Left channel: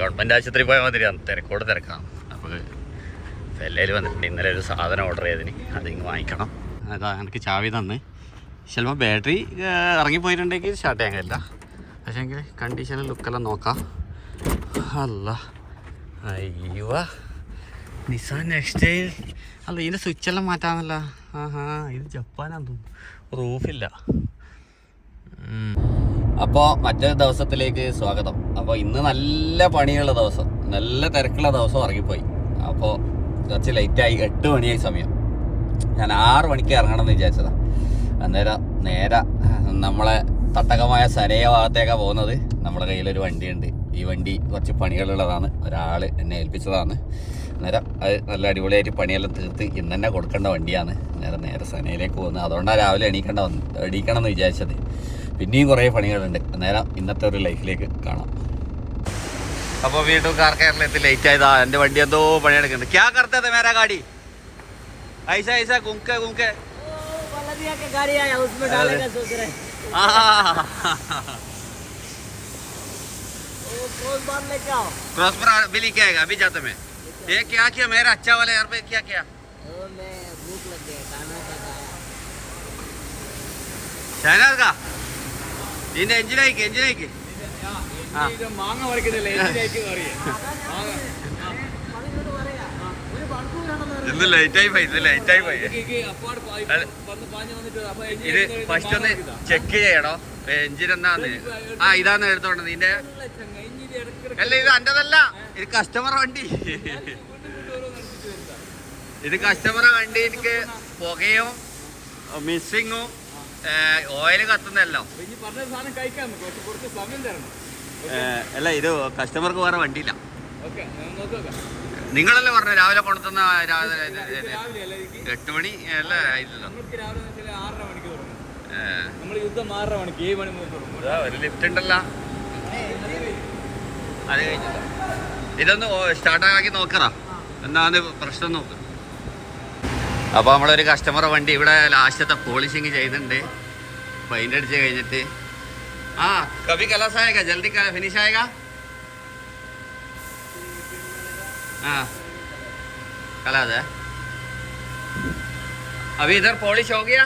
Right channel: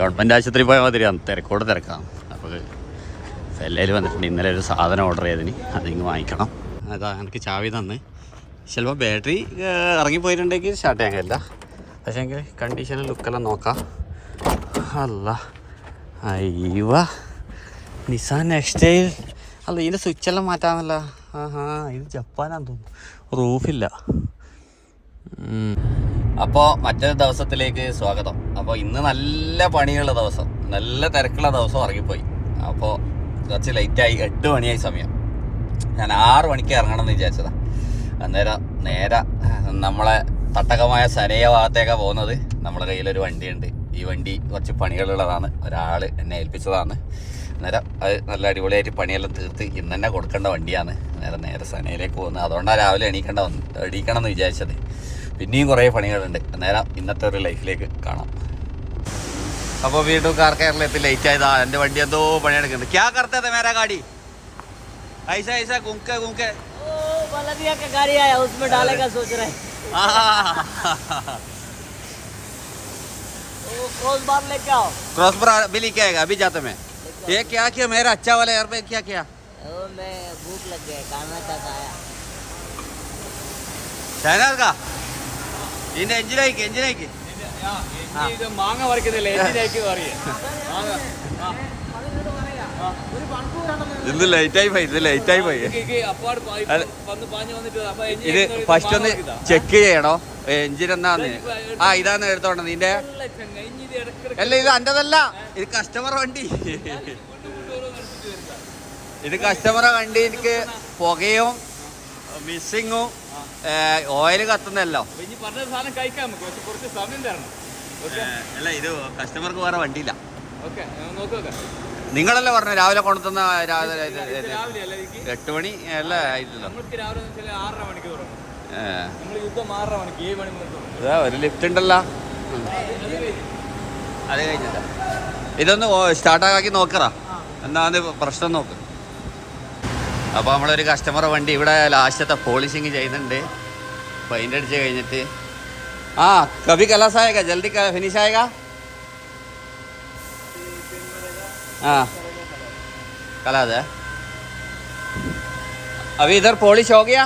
Government ആശുപത്രി പോയാൽ മതിരിയാണ്, തിരക്കോട് തിരക്കാം. അപ്പോൾ എല്ലാവരും വന്നിട്ടുണ്ട്. ഇന്നലെ ഒരു സാധനം ഓർഡർ ചെയ്തതിന് അതിങ്ങ് വാങ്ങിക്കണം. അതാ എനിക്ക് ചാവി തന്ന്. ചിലപ്പോൾ ബാറ്ററി ഇറങ്ങിപ്പോയിട്ടുണ്ടെങ്കിൽ സ്റ്റാർട്ട് ചെയ്യാൻ കഴിയില്ല. പക്ഷേ എങ്കിൽ കണ്ടീഷനും ലുക്കെല്ലാം നോക്കാം. അല്ല അയ്യോ നിസാൻ നെക്സ്റ്റ് അല്ല, ഇതിൻ്റെ സ്വിച്ചെല്ലാം മാറ്റാമല്ല. ഇത് ജപ്പാനാന്ന് തോന്നുന്നു, റൂഫില്ല. അപ്പോൾ മറ്റൊരു ദിവസത്തിലേക്ക് സ്വാഗതം. അപ്പോൾ ഇന്ന് നല്ല പണിയുള്ള ദിവസം, നല്ല തിരക്കുള്ള ദിവസം ഇറങ്ങിപ്പോയി. അപ്പോൾ കുറച്ച് ലേറ്റായി, 8 മണിയായി സമയം. ഞാൻ 6 മണിക്ക് ഇറങ്ങണം എന്ന് വിചാരിച്ചതാണ്. അന്നേരം നേരെ നമ്മളെ തട്ടകമായ സനയ ഭാഗത്തേക്കാണ് പോകുന്നത്. നമ്മുടെ കയ്യിലൊരു വണ്ടിയുണ്ട്. ഈ വണ്ടി കുറച്ച് പണികളുള്ളതാണ്, ഒരാൾ എന്നെ ഏൽപ്പിച്ചതാണ്. അന്നേരം അത് നല്ല അടിപൊളിയായിട്ട് പണിയെല്ലാം തീർത്ത് ഇന്ന് തന്നെ കൊടുക്കേണ്ട വണ്ടിയാണ്. നേരെ സനയിലേക്ക് പോകുന്നത്. അതുകൊണ്ടാണ് രാവിലെ എണീക്കണം എന്ന് വിചാരിച്ചത്. പിന്നെയും കുറേ പണികളുണ്ട്. നേരം ഇന്നത്തെ ഒരു ലൈഫിലേക്ക് കാണാം. അപ്പോൾ വീണ്ടും കാർ കേരളത്തിൽ ലേറ്റ് ആയതാ. എൻ്റെ വണ്ടി എന്തോ പണിയെടുക്കുന്നുണ്ട്. ക്യാ കർത്തേ थे मेरा गाड़ी ऐसा ऐसा घूमके घूमके बलदिया का गाड़ी आया, उसमें डालेगा सोच रहे हैं। क्रॉस बार लेके आओ। क्रॉस बार अभी लेके आएगा, अभी जाते मैं। ये क्या किया मेरा अच्छा वाला यार पे, क्या किया? मैं भूख लग गया, खाना तक आया। ചൈനർ का ഇതിന്റെ എഞ്ചിനായിക്ക് ഇത് മാങ്ങ പറിക്കുന്നില്ല, എഞ്ചിനായിക്ക് പറയേ. ഇത് ലേറ്റായി പോയി, ഇത് ഫസ്റ്റ് ഒന്ന് ചെക്ക് ചെയ്യണോ എഞ്ചിൻ എന്നാന്ന്. ഇതാണ് എടുത്തോണ്ടത് ഇതിന്റെ. അല്ല ഇത് അൻ്റെതല്ല, ഇത് കസ്റ്റമർ വണ്ടി. ഇത് കസ്റ്റമർ വണ്ടി. എനിക്ക് പുകയും മിസ്സിങ്ങും ഓയിൽ കത്തുന്നല്ലോ. അല്ല ഇത് കസ്റ്റമർക്ക് വേറെ വണ്ടിയില്ല. നിങ്ങളല്ലേ പറഞ്ഞ രാവിലെ കൊണ്ടുതന്ന 8 മണി അല്ല ആയില്ലല്ലോ. ഒരു ലിഫ്റ്റ് ഉണ്ടല്ലോ. അത് ഇതൊന്ന് സ്റ്റാർട്ടാക്കി നോക്കറാ, എന്നാന്ന് പ്രശ്നം നോക്ക്. അപ്പോൾ നമ്മളൊരു കസ്റ്റമർ വണ്ടി ഇവിടെ ലാസ്റ്റത്തെ പോളിഷിങ് ചെയ്യുന്നുണ്ട്. പെയിൻ്റ് അടിച്ച് കഴിഞ്ഞിട്ട് കभी कलश आएगा, जल्दी फिनिश आएगा. कलश है अभी इधर पॉलिश हो गया.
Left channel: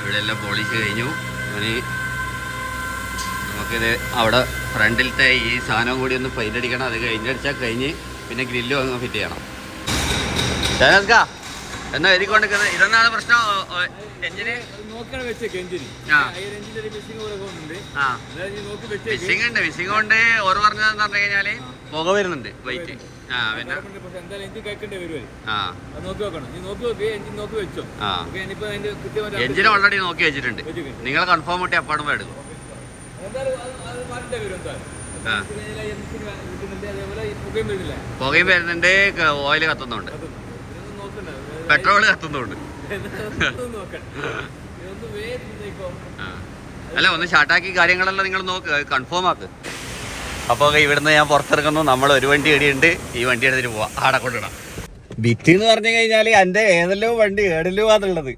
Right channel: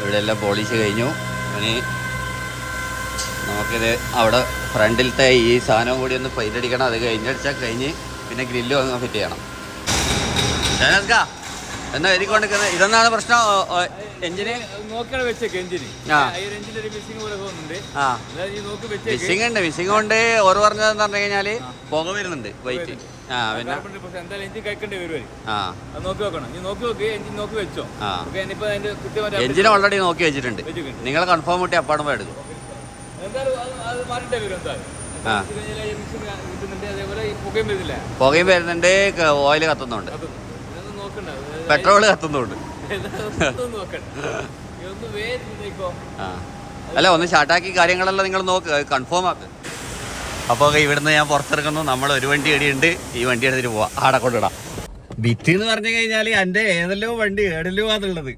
ഇവിടെ എല്ലാം പോളിഷ് കഴിഞ്ഞു. ഇനി നമുക്കിത് അവിടെ ഫ്രണ്ടിലത്തെ ഈ സാധനം കൂടി ഒന്ന് പെയിൻ്റ് അടിക്കണം. അത് കഴിഞ്ഞടിച്ചാൽ കഴിഞ്ഞ് പിന്നെ ഗ്രില്ല് അങ്ങ് ഫിറ്റ് ചെയ്യണം. ഷാനസ്കാ എന്നാ എഴുതിക്കൊണ്ടിരിക്കുന്നത് ഇതൊന്നാണ് പ്രശ്നം. എഞ്ചിന് മിസ്സിംഗ് ഉണ്ട്. മിസ്സിംഗ് കൊണ്ട് ഓർ പറഞ്ഞതെന്ന് പറഞ്ഞു കഴിഞ്ഞാല് പുക വരുന്നുണ്ട് ബൈക്ക്. പിന്നെ എഞ്ചിന് ഓൾറെഡി നോക്കി വെച്ചിട്ടുണ്ട്. നിങ്ങൾ കൺഫേം കൂട്ടി അപ്പാടുമ്പോ എടുക്കും. പുകയും വരുന്നുണ്ട്, ഓയിൽ കത്തുന്നുണ്ട്, പെട്രോള് കത്തുന്നുണ്ട്. അല്ല ഒന്ന് ഷാർട്ടാക്കി കാര്യങ്ങളെല്ലാം നിങ്ങൾ നോക്ക്, കൺഫേം ആക്ക്. അപ്പോൾ ഇവിടുന്ന് ഞാൻ പുറത്തിറങ്ങുന്നു. നമ്മൾ ഒരു വണ്ടി ഇടിയുണ്ട്, ഈ വണ്ടി എടുത്തിട്ട് പോവാം. ആടെ കൊണ്ടിടാം. ബിറ്റ് എന്ന് പറഞ്ഞു കഴിഞ്ഞാൽ എൻ്റെ ഏതെല്ലോ വണ്ടി ഏടെല്ലോ ആണുള്ളത്.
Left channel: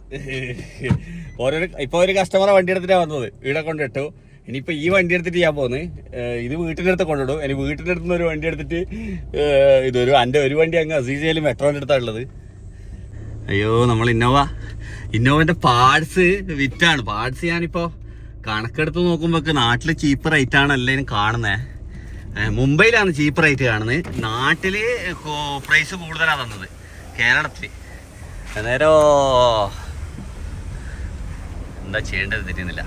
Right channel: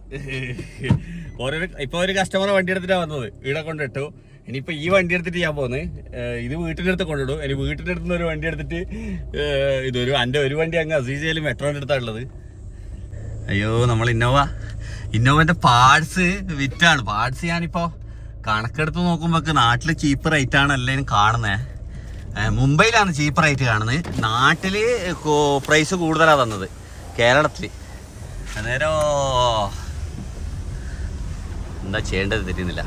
ഇപ്പോൾ ഒരു കസ്റ്റമറെ വണ്ടി എടുത്തിട്ടാണ് വന്നത്, ഇവിടെ കൊണ്ടിട്ടു. ഇനിയിപ്പോൾ ഈ വണ്ടി എടുത്തിട്ട് ഞാൻ പോകുന്നത് ഇത് വീട്ടിൻ്റെ അടുത്ത് കൊണ്ടിടും. ഇനി വീട്ടിൻ്റെ അടുത്ത് നിന്ന് ഒരു വണ്ടി എടുത്തിട്ട് ഇതൊരു എൻ്റെ ഒരു വണ്ടി അങ്ങ് അസീസയിൽ മെട്രോൻ്റെ അടുത്താണ് ഉള്ളത്. അയ്യോ നമ്മൾ ഇന്നോവൻ്റെ പാർട്സ് വിറ്റാണ്. പാർട്സ് ഞാനിപ്പോൾ കണക്കെടുത്ത് നോക്കുമ്പോൾ നാട്ടിൽ ചീപ്പ് റേറ്റാണ് എല്ലാവരും കാണുന്നത്. മുംബൈയിലാണ് ചീപ്പ് റേറ്റ് കാണുന്നത്, നാട്ടിൽ പ്രൈസ് കൂടുതലാണ് തന്നത് കേരളത്തിൽ. അന്നേരം എന്താ ചെയ്യേണ്ടത് തിരിയുന്നില്ല.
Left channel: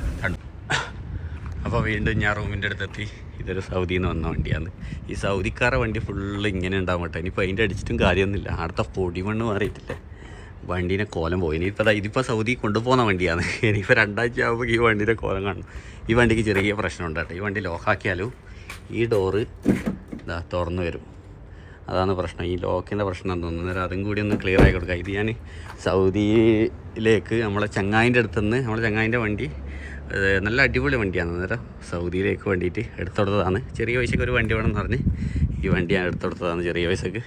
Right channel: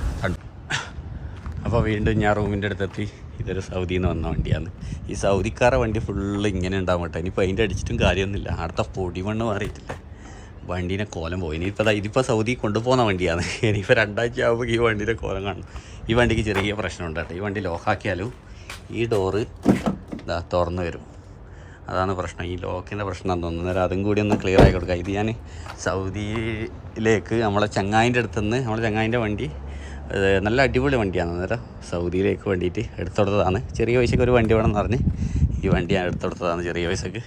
അപ്പോൾ വീണ്ടും ഞാൻ റൂമിൻ്റെ അടുത്തെത്തി. ഇതൊരു സൗദിയിൽ നിന്ന് വന്ന വണ്ടിയാണ്. ഈ സൗദിക്കാരെ വണ്ടി ഫുള്ള് ഇങ്ങനെ ഉണ്ടാവും കേട്ടോ. ഇനിയിപ്പോൾ അതിൻ്റെ അടിച്ചിട്ടും കാര്യമൊന്നുമില്ല. അടുത്ത പൊടിമണ്ണ് മാറിയിട്ടില്ല, വണ്ടീനെ കോലം പോയി. ഇതിപ്പോൾ സൗദി കൊണ്ടുപോകുന്ന വണ്ടിയാണ്. ഇനിയിപ്പോൾ 2 ആഴ്ച ആകുമ്പോൾ ഈ വണ്ടീൻ്റെ കോലം കാണും. ഈ വണ്ടിക്ക് ചെറിയ പ്രശ്നമുണ്ട് കേട്ടോ. ഈ വണ്ടി ലോക്കാക്കിയാലും ഈ ഡോറ് തുറന്നു വരും. അതാണ് പ്രശ്നം, ഈ ലോക്കിൻ്റെ പ്രശ്നം തോന്നുന്നു. അന്നേരം അതും കൂടി ഒന്ന് ക്ലിയർ ആക്കി കൊടുക്കുക. ഇത് ഞാൻ സൗദിയിലേക്ക് നമ്മളെ ചങ്ങായിൻ്റെ അടുത്തുനിന്ന്, നമ്മളെ ചങ്ങായിൻ്റെ വണ്ടി നല്ല അടിപൊളി വണ്ടിയാണ്. അന്നേരം സൗദിയിലേക്ക് വേണ്ടിയിട്ട് എടുത്തുകൊടുത്തതാണ്. ചെറിയ പൈസക്ക് ഒരു വണ്ടി വേണമെന്ന് പറഞ്ഞ് ഈ വണ്ടി ഞാൻ എടുത്തുകൊടുത്തതാണ് ചെറിയ പൈസക്ക്.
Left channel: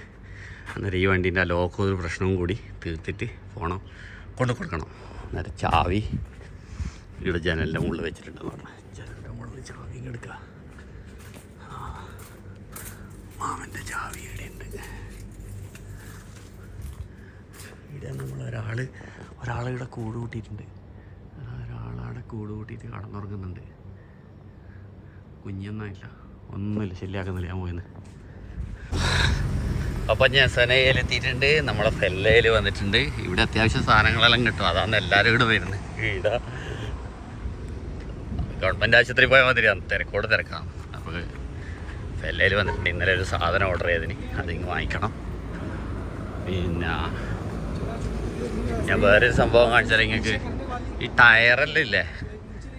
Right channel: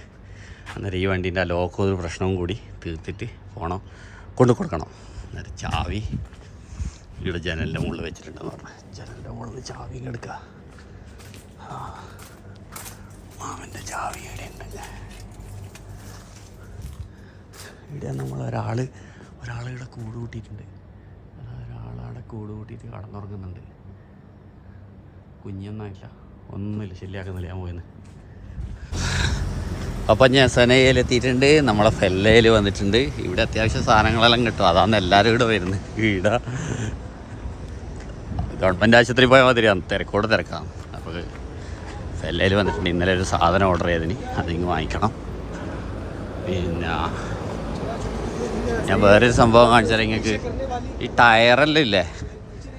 അന്നേരം ഈ വണ്ടീൻ്റെ ആ ലോക്ക് ഒരു പ്രശ്നവും കൂടി തീർത്തിട്ട് കൊണ്ടു കൊടുക്കണം. അന്നേരം ചാവി ഇവിടെ ജനലിൻ്റെ മുകളിൽ വെച്ചിട്ടുണ്ടെന്ന് പറഞ്ഞു. ജനലിൻ്റെ മുകളിൽ ചാവി എടുക്കുക. മാമൻ്റെ ചാവി ഇവിടെയുണ്ട്. ഇവിടെ നമ്മൾ ഒരാളിവിടെ കൂട് കൂട്ടിയിട്ടുണ്ട്. ഒരാളവിടെ കൂട് കൂട്ടിയിട്ട് കടന്നുറങ്ങുന്നുണ്ട്. കുഞ്ഞൊന്നുമില്ല, ഒന്നുമില്ല, ശല്യമാക്കുന്നില്ല. ഞാൻ പോയിന്ന്. അപ്പം ഞാൻ സനയിലെത്തിയിട്ടുണ്ട്. നമ്മളെ ഫെല്ലയിൽ വന്നിട്ടുണ്ട്. ഇവിടെ അത്യാവശ്യം സാധനങ്ങളെല്ലാം കിട്ടും. അതാണ് എല്ലാവരും ഇവിടെ വരുന്നത്. ഇവിടെ ഗവൺമെൻറ് ആശുപത്രി പോയാൽ മാതിരിയാണ്, തിരക്കോട് തിരക്കാണ്. അപ്പോൾ ഫെല്ലയിൽ വന്നിട്ടുണ്ട്. ഇന്നലെ ഒരു സാധനം ഓർഡർ ചെയ്തതിന് അതിങ്ങ് വാങ്ങിക്കണം. പിന്നെ ഞാൻ വേറൊരു സംഭവം കാണിച്ചാൽ നിങ്ങൾക്ക് ഈ ടയറെല്ലാം ഇല്ലേ,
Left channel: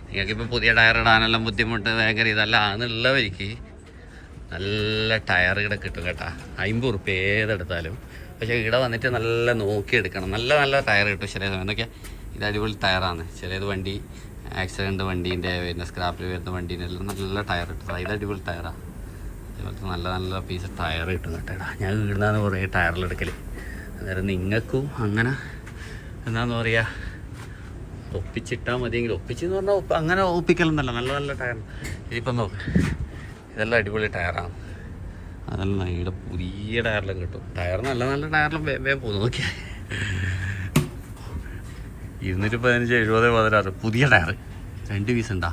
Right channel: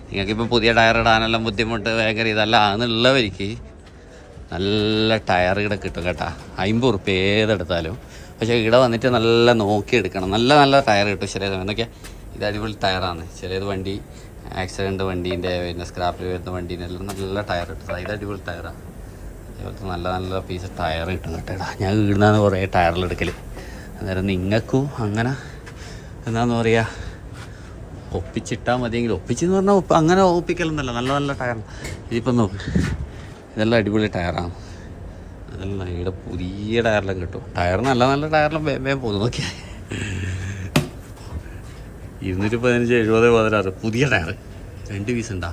നിങ്ങൾക്കിപ്പോൾ പുതിയ ടയർ ഇടാനെല്ലാം ബുദ്ധിമുട്ട് ഭയങ്കര ഇതല്ലാന്നുള്ളവർക്ക് നല്ല ടയർ ഇവിടെ കിട്ടും കേട്ടോ. 50 ഉറുപ്പ്യ ഏതെടുത്താലും. പക്ഷേ ഇവിടെ വന്നിട്ട് നല്ല നോക്കിയെടുക്കണം. നല്ല നല്ല ടയർ കിട്ടും. ചിലത് എന്നൊക്കെ ഇത് അടിപൊളി ടയറാണ്. ചിലത് വണ്ടി ആക്സിഡൻറ്റ് വണ്ടീൻ്റെ പിന്നെ സ്ക്രാപ്പിൽ വരുന്ന വണ്ടീൻ്റെ എല്ലാം നല്ല ടയർ കിട്ടും. ഇത് അടിപൊളി ടയറാണ്. അതുപോലത്തെ നല്ല നല്ല പീസ് ടയർ കിട്ടും കേട്ടോ. ഞാൻ ഇവിടുന്നാണ് കുറേ ടയറിലെടുക്കൽ. അന്നേരം നിങ്ങൾക്കും അങ്ങനെ എന്താണെന്ന് പറയുക ഒപ്പിച്ചിട്ടാൽ മതിയെങ്കിൽ, ഒപ്പിച്ചെന്ന് പറഞ്ഞാൽ അങ്ങനെ ഒപ്പിക്കലൊന്നുമല്ല. നല്ല നല്ല ടയർ. ഇതിപ്പം നോക്ക്, ഇതെല്ലാം അടിപൊളി ടയറാണ്. അതെല്ലാം ഇവിടെ പുതിയ ടയറെല്ലാം കിട്ടും. ടയർ നല്ല നല്ല ടയറെല്ലാം വേഗം പോകുന്നു. നോക്കിയാൽ 215, 70, 16 പുതിയ ടയർ 2 പീസ് ഉണ്ടാ.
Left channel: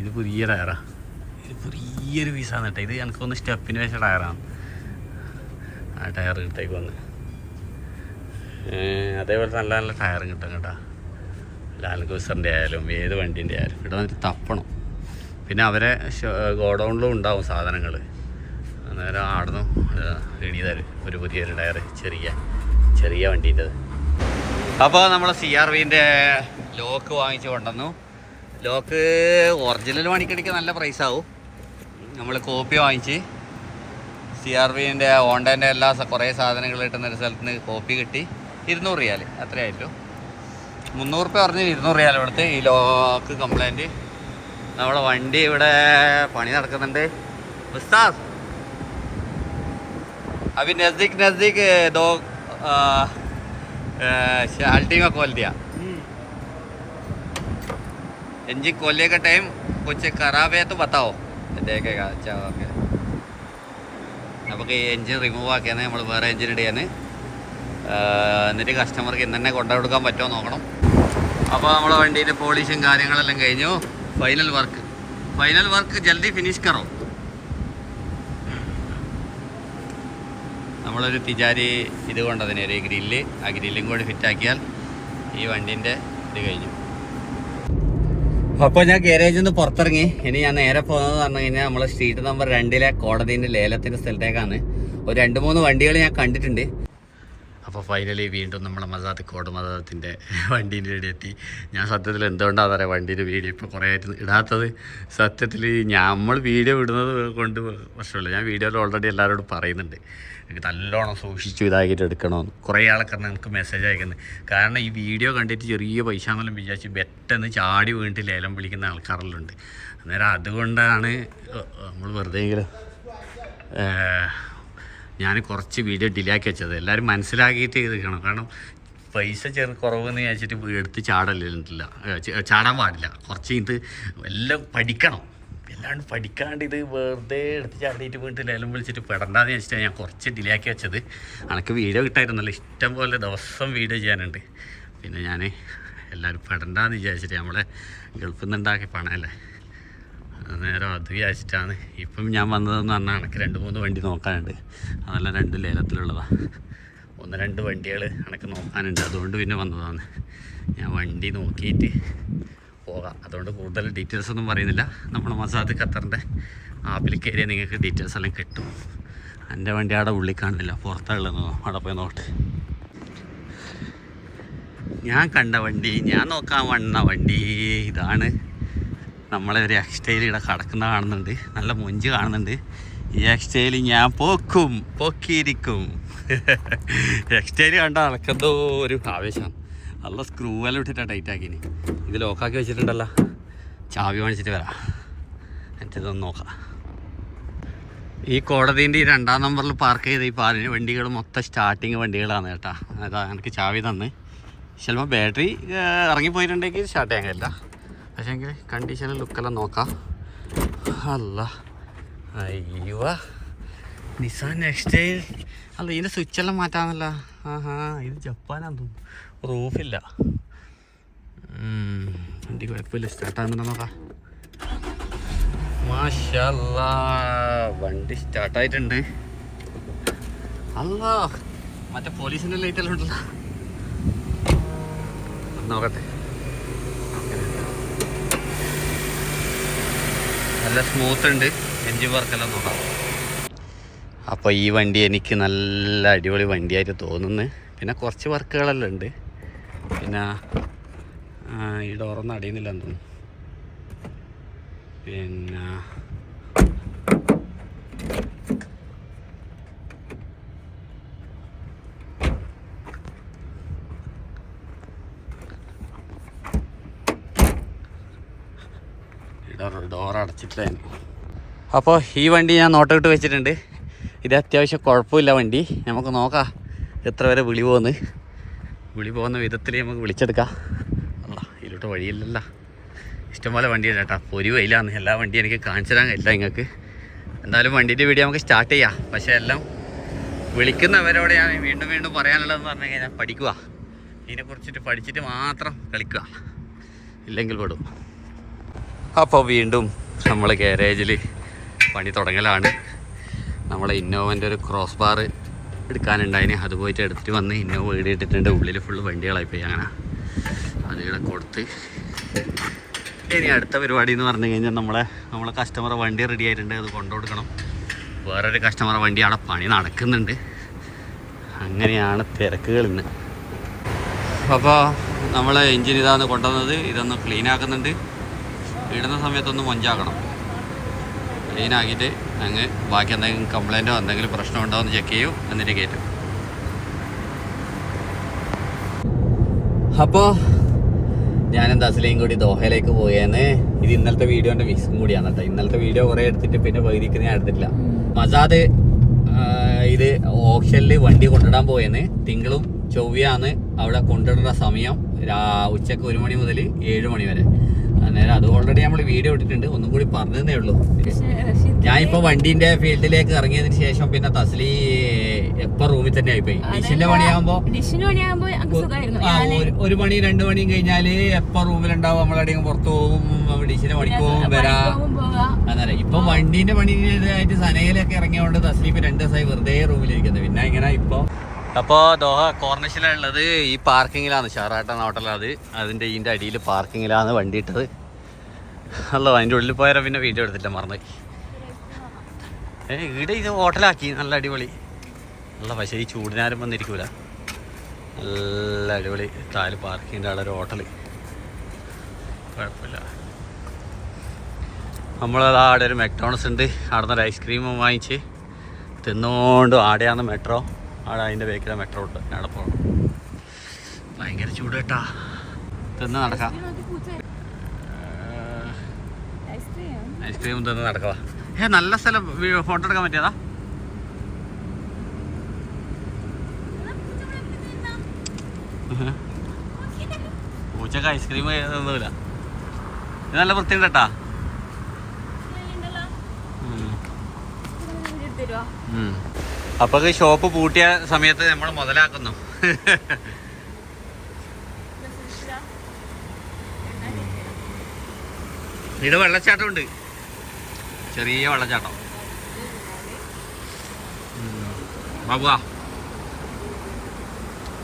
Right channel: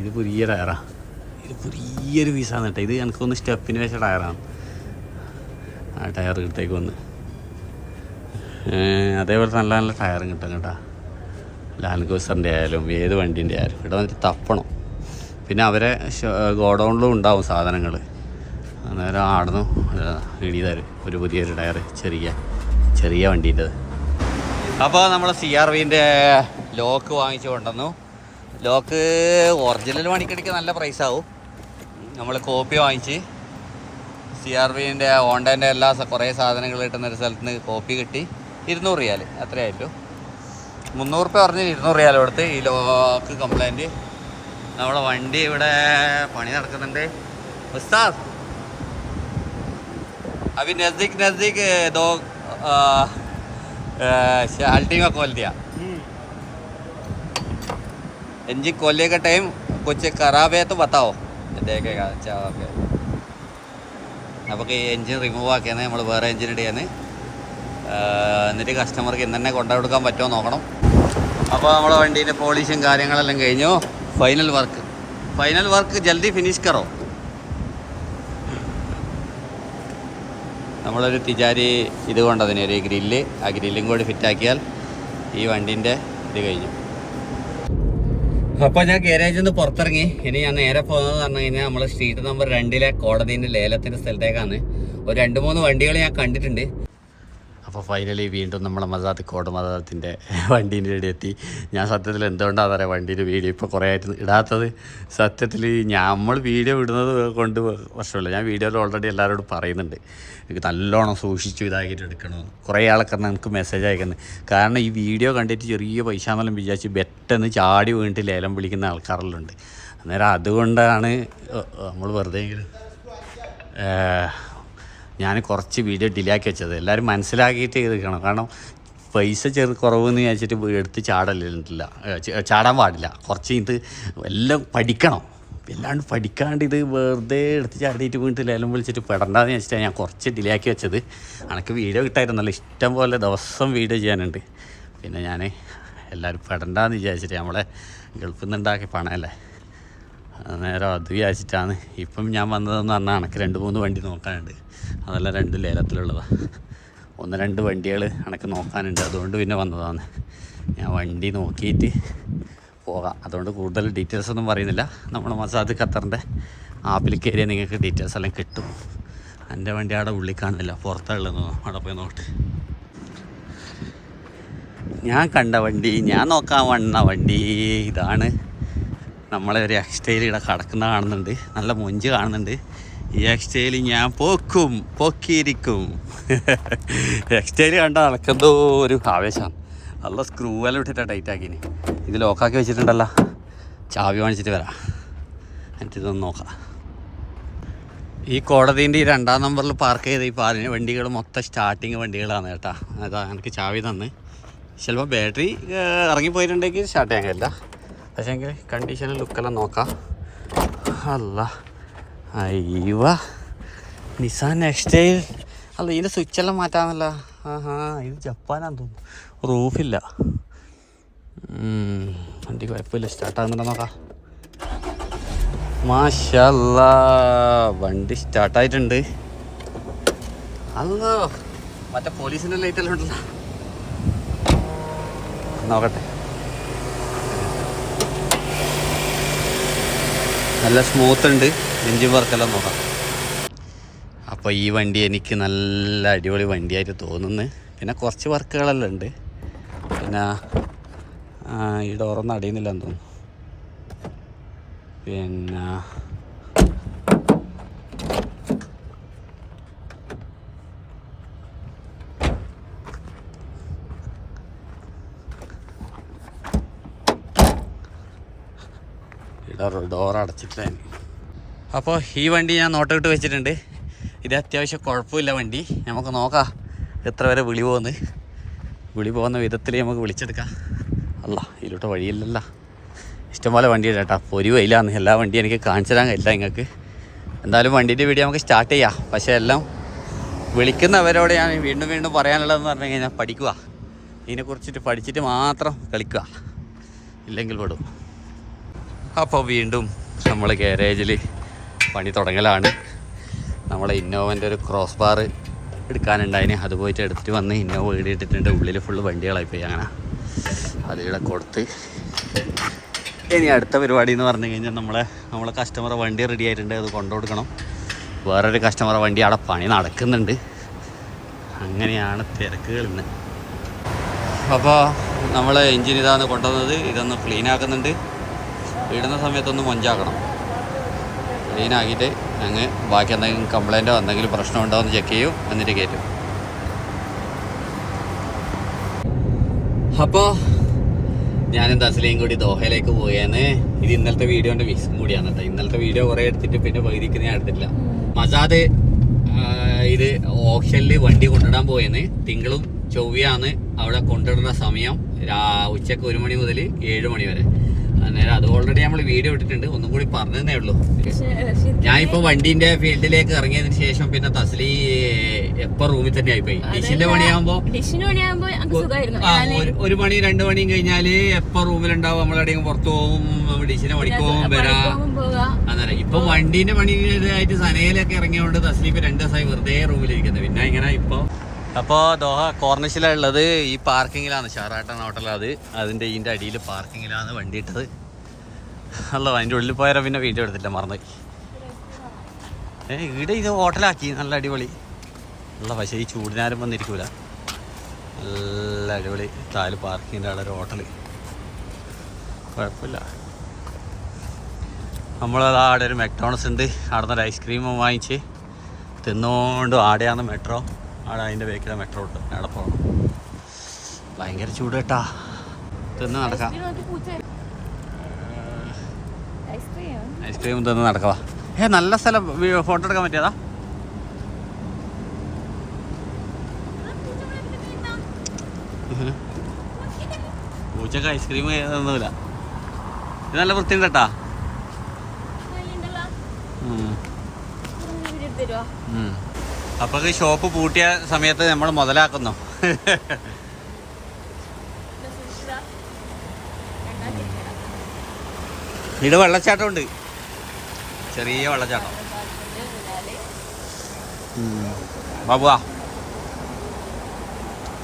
ഇത് പുതിയ ടയറാണ്. ഇത് പുതിയൊരു പീസാണ് കേട്ടോ. ഇത് എനിക്കൊന്ന് സ്റ്റെപ്പിന് വെച്ച ടയറാണ്. ആ ടയർ കിട്ടേക്ക് വന്ന് അതേപോലെ നല്ല നല്ല ടയറും കിട്ടും കേട്ടോ. ലാൽഗോസറിൻ്റെ ആയാലും ഏത് വണ്ടീൻ്റെ ആയാലും ഇവിടെ വന്നിട്ട് തപ്പണം. പിന്നെ അവരെ ഗോഡൗണിലും ഉണ്ടാവും സാധനങ്ങൾ. അന്നേരം ആടുന്നു ഇടി തരും ഒരു പുതിയൊരു ടയർ, ചെറിയ വണ്ടീൻ്റെ. അപ്പോൾ നമ്മൾ CRVൻ്റെ ലോക്ക് വാങ്ങിച്ച് കൊണ്ടുവന്നു. ലോക്ക് ഒറിജിനൽ മണിക്കടിക്ക് നല്ല പ്രൈസാവും. നമ്മൾ കോപ്പി വാങ്ങിച്ച് CRVൻ്റെ ഹോണ്ടേൻ്റെ എല്ലാ കുറേ സാധനങ്ങൾ കിട്ടുന്നൊരു സ്ഥലത്ത് നിന്ന് കോപ്പി കിട്ടി. 200 റിയാൽ അത്രയായിട്ടു. 300 രൂപ പറഞ്ഞ് 200 റിയാൽ കൊടുത്ത് ഈ ലോക്ക് കംപ്ലൈൻറ്റ്. നമ്മുടെ വണ്ടി ഇവിടെ പണി നടക്കുന്നുണ്ട്. ഉസ്താദ് अभी नज़दीक 2 शाल्टी में खोल दिया. इंजन खोलने का टाइम कुछ ख़राब है तो बताओ, देखेगा. अच्छा ओके. നമുക്ക് ഈ എൻജിൻ റിമൂവ് ആക്കിയാണ് നമ്മൾ വേറെ എൻജിൻ ഇടുകയാണ്. എന്നിട്ട് കസ്റ്റമർക്ക് ഇന്ന് തന്നെ കൊണ്ടുകൊടുക്കാൻ പറ്റുമോ നോക്കണം. അപ്പോൾ നമ്മളെ വണ്ടീൻ്റെ പോളിഷും കാര്യങ്ങളെല്ലാം കഴിഞ്ഞു. ഫൈനൽ വർക്ക് ജൽദി ഫിനിഷ് കറോ. നമ്മളൊരു തിജാരി ഇത് കൊണ്ടതിന് ഒരു ഗ്രില്ല്, ആ ഗ്രില്ലും കൂടി ഫിറ്റാക്കിയാൽ ഈ വണ്ടീൻ്റെ ഇത് കഴിഞ്ഞു. അപ്പോൾ ഞാൻ ഗാരേജിൽ നിന്ന് പുറത്തിറങ്ങി. ഇനി ഞാൻ നേരെ പോകുന്നത് പറഞ്ഞു കഴിഞ്ഞാൽ നമ്മൾ സ്ട്രീറ്റ് നമ്പർ 2 കോടതിൻ്റെ ലേലത്തിൻ്റെ സ്ഥലത്തേക്കാണ്. ഒരു 2-3 വണ്ടികൾ ഞാൻ കണ്ടിട്ടുണ്ട്. അപ്പോൾ ഫൈനലി വീണ്ടും നമ്മളെ കോട് മസാത്തിൻ്റെ വണ്ടീൻ്റെ ഇവിടെ എത്തി. ഞാൻ സത്യത്തിൽ എന്തുകൊണ്ടാണ് പറയാം വണ്ടീൻ്റെ വീഡിയോ ഇപ്പോൾ കുറേ ആയിട്ട് ഇടാത്തത്. സത്യത്തിൽ നമ്മൾ വീഡിയോ ഇടുന്നത് കൊണ്ട് പ്രശ്നമില്ല. ഞാൻ വീഡിയോയിൽ ഓൾറെഡി എല്ലാവരോടും പറയുന്നുണ്ട് എനിക്ക് നല്ലോണം സൂക്ഷിച്ചു ഇതാക്കിയിട്ട് എടുക്കണമെന്ന്. കുറേ ആൾക്കാർ എനിക്ക് മെസ്സേജ് അയക്കുന്നത്. കാരണം ഈ വീഡിയോ കണ്ടിട്ട് ചെറിയ പൈസ എന്നെല്ലാം വിചാരിച്ച് ബെറ്റെന്ന് ചാടി വീണിട്ട് ലേലം വിളിക്കുന്ന ആൾക്കാരെല്ലാം ഉണ്ട്. അന്നേരം അതുകൊണ്ടാണ് നമ്മൾ വെറുതെയെങ്കിലും ഞാൻ കുറച്ച് വീഡിയോ ഡിലേ ആക്കി വെച്ചത്. എല്ലാവരും മനസ്സിലാക്കിയിട്ട് എടുക്കണം. കാരണം പൈസ കുറവെന്ന് വിചാരിച്ചിട്ട് എടുത്ത് ചാടാൻ പാടില്ല. കുറച്ച് ഇത് എല്ലാം പഠിക്കണം. എല്ലാണ്ട് പഠിക്കാണ്ട് ഇത് വെറുതെ എടുത്ത് ചാടിയിട്ട് വീണിട്ട് ലേലം വിളിച്ചിട്ട് പെടണ്ടെന്ന് വെച്ചിട്ടാണ് ഞാൻ കുറച്ച് ഡിലേ ആക്കി വെച്ചത്. എനിക്ക് വീഡിയോ കിട്ടായിരുന്നല്ലോ, ഇഷ്ടം പോലെ ദിവസം വീഡിയോ ചെയ്യാനുണ്ട്. പിന്നെ ഞാൻ എല്ലാവരും പെടണ്ടെന്ന് വിചാരിച്ചിട്ട് നമ്മളെ ഗൾഫിൽ നിന്നുണ്ടാക്കിയ പണമല്ലേ, നേരം അത് വിചാരിച്ചിട്ടാണ് ഇപ്പം ഞാൻ വന്നതെന്ന് പറഞ്ഞാൽ എനിക്ക് 2-3 വണ്ടി നോക്കാനുണ്ട്. അതെല്ലാം 2 ലേലത്തിലുള്ളതാണ്. 1-2 വണ്ടികൾ എനിക്ക് നോക്കാനുണ്ട്. അതുകൊണ്ട് പിന്നെ വന്നതാണ്. ഞാൻ വണ്ടി നോക്കിയിട്ട് പോകാം. അതുകൊണ്ട് കൂടുതൽ ഡീറ്റെയിൽസ് ഒന്നും പറയുന്നില്ല. നമ്മുടെ മസാദ് ഖത്തറിൻ്റെ ആപ്പിൽ കയറിയാൽ നിങ്ങൾക്ക് ഡീറ്റെയിൽസ് എല്ലാം കിട്ടും. എൻ്റെ വണ്ടി അവിടെ ഉള്ളിൽ കാണില്ല, പുറത്തുള്ളതെന്നോ അവിടെ പോയി നോട്ട്. ഞാൻ കണ്ട വണ്ടി, ഞാൻ നോക്കാൻ വന്ന വണ്ടി ഇതാണ്. നമ്മളെ ഒരു എക്സ്റ്റൈൽ ഇവിടെ കിടക്കുന്ന കാണുന്നുണ്ട്. നല്ല മൊഞ്ച് കാണുന്നുണ്ട്. ഈ എക്സ്റ്റൈൽ ഞാൻ പൊക്കിയിരിക്കും. എക്സ്റ്റൈൽ കണ്ടാൽ എനിക്കെന്തോ ഒരു ആവേശമാണ്. നല്ല സ്ക്രൂ എല്ലാം ഇട്ടിട്ടാണ് ടൈറ്റാക്കിന്. ഇത് ലോക്കാക്കി വെച്ചിട്ടുണ്ടല്ലോ. ചാവി വാങ്ങിച്ചിട്ട് വരാം, എന്നിട്ടൊന്ന് നോക്കാം. ഈ കോടതിൻ്റെ ഈ 2-ാം നമ്പറിൽ പാർക്ക് ചെയ്ത ഈ വണ്ടികൾ മൊത്തം സ്റ്റാർട്ടിങ് വണ്ടികളാണ് കേട്ടോ. അതാ എനിക്ക് ചാവി തന്ന് ചിലപ്പോൾ ബാറ്ററി ഇറങ്ങിപ്പോയിട്ടുണ്ടെങ്കിൽ സ്റ്റാർട്ട് ചെയ്യാൻ കഴിയില്ല. പക്ഷേ എങ്കിൽ കണ്ടീഷനും ലുക്കെല്ലാം നോക്കാം. അല്ല അയ്യവ നിസാൻ നെക്സ്റ്റൈൽ. അല്ല ഇതിൻ്റെ സ്വിച്ചെല്ലാം മാറ്റാമല്ല. ഇത് ജപ്പാനാന്ന് തോന്നുന്നു. റൂഫില്ല. വണ്ടി കുഴപ്പമില്ല, സ്റ്റാർട്ടാകുന്നുണ്ടോ നോക്കാം. മാഷല്ലാ വണ്ടി സ്റ്റാർട്ടായിട്ടുണ്ട്. അല്ല മറ്റേ പോലീസിൻ്റെ ലൈറ്റെല്ലാം ഉണ്ടല്ലോ, നോക്കട്ടെ. നല്ല സ്മൂത്ത് ഉണ്ട്. എൻജിൻ വർക്കെല്ലാം നോക്കാം. അപ്പോൾ ഈ വണ്ടി എനിക്ക് നല്ല അടിപൊളി വണ്ടിയായിട്ട് തോന്നുന്നു. പിന്നെ കുറച്ച് വർക്കുകളെല്ലാം ഉണ്ട്. പിന്നെ ഈ ഡോറൊന്നും അടിയുന്നില്ലെന്ന് തോന്നുന്നു. പിന്നെ ഡോർ അടച്ചിട്ടില്ല. അപ്പോൾ ഈ വണ്ടി ഞാൻ നോട്ടമിട്ട് വെച്ചിട്ടുണ്ട്. ഇത് അത്യാവശ്യം കുഴപ്പമില്ല വണ്ടി. നമുക്ക് നോക്കാം എത്ര വരെ വിളി പോകുന്ന വിധത്തിൽ നമുക്ക് വിളിച്ചെടുക്കാം. അല്ല ഇതിലോട്ട് വഴിയില്ലല്ല. ഇഷ്ടംപോലെ വണ്ടിയുണ്ട് കേട്ടോ. ഒരു വയിലാന്ന് എല്ലാ വണ്ടിയും എനിക്ക് കാണിച്ചു തരാൻ കഴിയില്ല നിങ്ങൾക്ക്. എന്തായാലും വണ്ടീൻ്റെ വീഡിയോ നമുക്ക് സ്റ്റാർട്ട് ചെയ്യാം. പക്ഷേ എല്ലാം വിളിക്കുന്നവരോട് ഞാൻ വീണ്ടും പറയാനുള്ളതെന്ന് പറഞ്ഞു കഴിഞ്ഞാൽ പഠിക്കുക. ഇതിനെക്കുറിച്ചിട്ട് പഠിച്ചിട്ട് മാത്രം കളിക്കുക, ഇല്ലെങ്കിൽ പെടും. അപ്പോൾ വീണ്ടും നമ്മൾ ഗാരേജിൽ പണി തുടങ്ങലാണ്. നമ്മളെ ഇന്നോവൻ്റെ ഒരു ക്രോസ് ബാർ എടുക്കാനുണ്ടായിന്. അത് പോയിട്ട് എടുത്ത് വന്ന് ഇന്നോവ വീടിയിട്ടിട്ടുണ്ട്. ഉള്ളിൽ ഫുള്ള് വണ്ടികളായിപ്പോയി. അങ്ങനെ അതിവിടെ കൊടുത്ത് ഇനി അടുത്ത പരിപാടി എന്ന് പറഞ്ഞു കഴിഞ്ഞാൽ നമ്മളെ കസ്റ്റമറെ വണ്ടി റെഡി ആയിട്ടുണ്ട്. അത് കൊണ്ടുകൊടുക്കണം. വേറൊരു കസ്റ്റമറെ വണ്ടി അവിടെ പണി നടക്കുന്നുണ്ട്. അങ്ങനെയാണ് തിരക്കുകൾ ഇന്ന്. അപ്പോൾ നമ്മൾ എൻജിൻ ഇതാണ് കൊണ്ടുവന്നത്. ഇതൊന്ന് ക്ലീൻ ആക്കുന്നുണ്ട്. ഇടുന്ന സമയത്തൊന്ന് മൊഞ്ചാക്കണം. ക്ലീനാക്കിയിട്ട് അങ്ങ് ബാക്കി എന്തെങ്കിലും കംപ്ലൈൻറ്റോ എന്തെങ്കിലും പ്രശ്നമുണ്ടോ എന്ന് ചെക്ക് ചെയ്യും. എന്നിട്ട് കയറ്റും. അപ്പോൾ ഞാനും തസ്ലയും കൂടി ദോഹയിലേക്ക് പോയേന്ന്. ഇത് ഇന്നലത്തെ വീഡിയോൻ്റെ മിക്സും കൂടിയാണ് കേട്ടോ. ഇന്നലത്തെ വീഡിയോ കുറേ എടുത്തിട്ട് പിന്നെ പകുതിക്ക് ഞാൻ എടുത്തിട്ടില്ല. മസാദ് ഇത് ഓപ്ഷനിൽ വണ്ടി കൊണ്ടിടാൻ പോയെന്ന്. തിങ്കളും ചൊവ്വയാണ് അവിടെ കൊണ്ടിടുന്ന സമയം. ഉച്ചക്ക് 1 മണി മുതൽ 7 മണി വരെ. അന്നേരം അത് ഓൾറെഡി നമ്മൾ വീഡിയോ ഇട്ടിട്ടുണ്ട്. ഒന്നും കൂടി പറഞ്ഞതേ ഉള്ളൂ. ഞാൻ ഇപ്പോൾ വണ്ടീൻ്റെ ഫീൽഡിലേക്ക് ഇറങ്ങിയതിന് ശേഷം പിന്നെ തസ്ലി എപ്പോൾ റൂമിൽ തന്നെ ആയിപ്പോയി. ഡിഷിന്റെ പണിയാകുമ്പോൾ 1 മണി 2 മണിയും കഴിഞ്ഞാൽ എപ്പോൾ റൂമിലുണ്ടാവും. നമ്മളെവിടെയെങ്കിലും പുറത്ത് പോകും, ഡിഷിന്റെ പണിക്ക് പോകും, വരാം. അന്നേരം ഇപ്പൊ വണ്ടീന്റെ പണിയായിട്ട് സനയിലൊക്കെ ഇറങ്ങിയതുകൊണ്ട് തസ്ലി ഇപ്പൊ 2 ദിവസമായി വെറുതെ റൂമിലിരിക്കുന്നത്. പിന്നെ ഇങ്ങനെ അപ്പോൾ ദോഹ കോർണിഷിലുള്ളത് ഈ പാർക്കിങ്ങിലാണ്. ഷാറാട്ടൻ ഹോട്ടലത്. അതിൻ്റെ ഇതിൻ്റെ അടിയിൽ പാർക്കിങ്ങിലാണ് വണ്ടി ഇട്ടത്. അല്ലോ അതിൻ്റെ ഉള്ളിൽ പോയാൽ പിന്നെ വീഡിയോ എടുത്തില്ല, മറന്നുപോയി. ഇവിടെ ഇത് ഹോട്ടലാക്കി. നല്ല അടിപൊളി. നല്ല പക്ഷേ ഈ ചൂടിനാരും വന്നിരിക്കൂല. നല്ല അടിപൊളി താല് പാർക്കിങ്ങിൻ്റെ അവിടെ ഒരു ഹോട്ടൽ. കുഴപ്പമില്ല. നമ്മളവിടെ ഒരു മെക്ഡോണൽസ് ഉണ്ട്. അവിടെ നിന്ന് ഒരു ഐസ്ക്രീമും വാങ്ങിച്ച് തിന്നുകൊണ്ട് ആടെയാണ് മെട്രോ. അവിടെ അതിൻ്റെ ബേക്കിലെ മെട്രോ ഉണ്ട്. അവിടെ പോകണം. ഭയങ്കര ചൂട് കേട്ടാ. തിന്ന് നടക്കാം. ഐസ്ക്രീം തിന്ന് നടക്കുക. നല്ല സ്ഥലം. ഫോട്ടോ എടുക്കാൻ പറ്റിയതാ. പൂച്ചക്ക് ഐസ്ക്രീം ഒന്നുമില്ല. ഇത് നല്ല വൃത്തിയുണ്ട് കേട്ടാ. അപ്പൊ ഷോപ്പ് പൂട്ടിയ സമയത്ത് നമ്മൾ മുതലാക്കുന്നു. ഇത് വെള്ളച്ചാട്ടം ഉണ്ട്. ചെറിയ വെള്ളച്ചാട്ടം. ബാബുവാ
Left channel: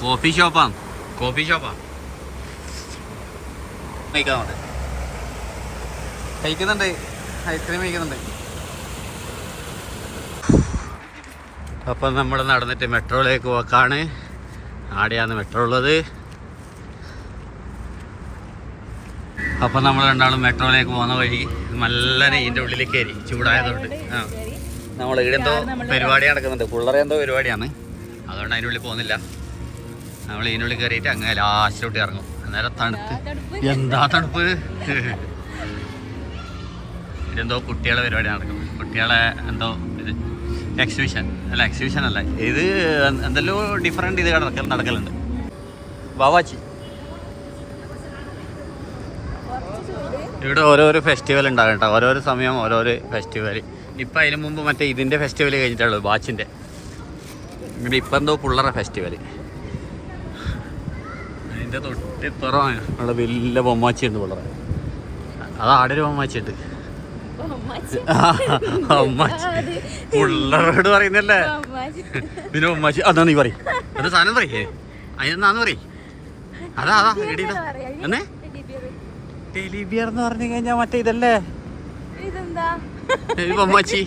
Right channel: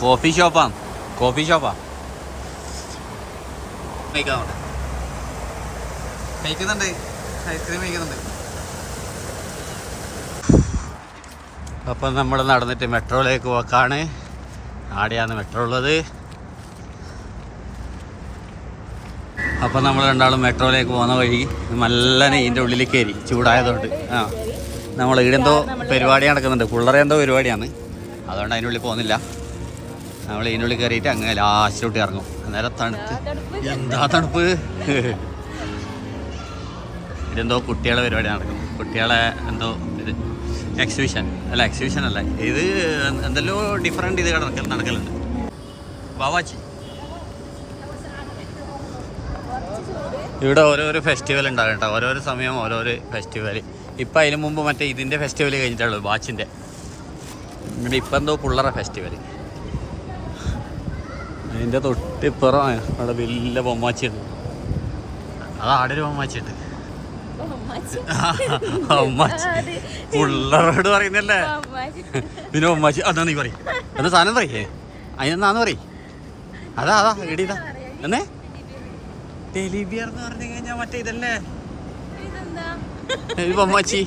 കോഫി ഷോപ്പാ. കഴിക്കുന്നുണ്ട്. ഐസ്ക്രീം കഴിക്കുന്നുണ്ട്. അപ്പം നമ്മൾ നടന്നിട്ട് മെട്രോയിലേക്ക് പോക്കാണ്. ആടെയാണ് മെട്രോ ഉള്ളത്. അപ്പം നമ്മൾ രണ്ടാളും മെട്രോയിലേക്ക് പോകുന്ന വഴി നല്ല ഇതിൻ്റെ ഉള്ളിൽ കയറി. ചൂടായതുകൊണ്ട് നമ്മൾ ഈടെന്തോ പരിപാടി നടക്കുന്നുണ്ട്. പിള്ളേരെ എന്തോ പരിപാടിയാണ്. അതുകൊണ്ട് അതിനുള്ളിൽ പോകുന്നില്ല. നമ്മൾ ഇതിനുള്ളിൽ കയറിയിട്ട് അങ്ങനെ ലാസ്റ്റിലോട്ട് ഇറങ്ങും. അന്നേരം തണുത്ത്. എന്താ തണുപ്പ്. ഇതെന്തോ കുട്ടികളെ പരിപാടി നടക്കുന്നു. കുട്ടികളെ എന്തോ ഇത് എക്സിബിഷൻ അല്ല ഇത് എന്തെല്ലോ ഡിഫറെൻറ്റ് ഇത് നടക്കലുണ്ട്. ബാവാച്ചി ഇവിടെ ഓരോരോ ഫെസ്റ്റിവൽ ഉണ്ടാകും കേട്ടോ, ഓരോരോ സമയം ഓരോരോ ഫെസ്റ്റിവൽ. ഇപ്പം അതിന് മുമ്പ് മറ്റേ ഇതിൻ്റെ ഫെസ്റ്റിവൽ കഴിഞ്ഞിട്ടുള്ളൂ, വാച്ചിൻ്റെ. ഇവിടെ ഇപ്പം എന്തോ പിള്ളേരെ ഫെസ്റ്റിവൽ. അതിൻ്റെ തൊട്ടിപ്പുറമാണ് അവിടെ വലിയ ബൊമ്മാച്ചി ഉണ്ട് ഇവിടെ. അത് ആടെ ഒരു ബൊമ്മാച്ചി ഉണ്ട്. ബൊമ്മാച്ചി പിള്ളേരോട് പറയുന്നല്ലേ. പിന്നെ ബൊമ്മാച്ചി അതാ നീ പറയും ഒരു സാധനം പറയേ, അതിനെന്താന്ന് പറയും. അതാ ഇടിതാ എന്നേ ടെലിബിയർ എന്ന് പറഞ്ഞു കഴിഞ്ഞാൽ മറ്റേ ഇതല്ലേ ബൊമ്മാച്ചി.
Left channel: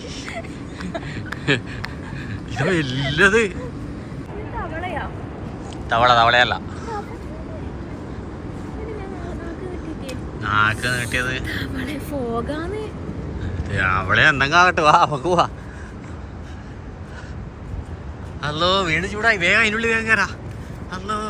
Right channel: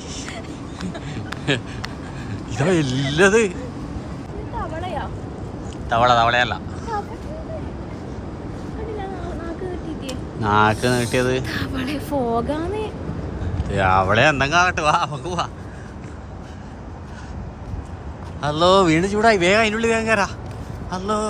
ഇതോ ഇല്ലത് തവളയല്ല, നാക്ക് നീട്ടിയത് അവിടെ എന്തെങ്കിലും ആകട്ടെ. വാ നമുക്ക് പോവാ. ഹലോ വീണ്ടും ചൂടായി, വേഗം അതിനുള്ളിൽ വേഗം കയറാ. ഹലോ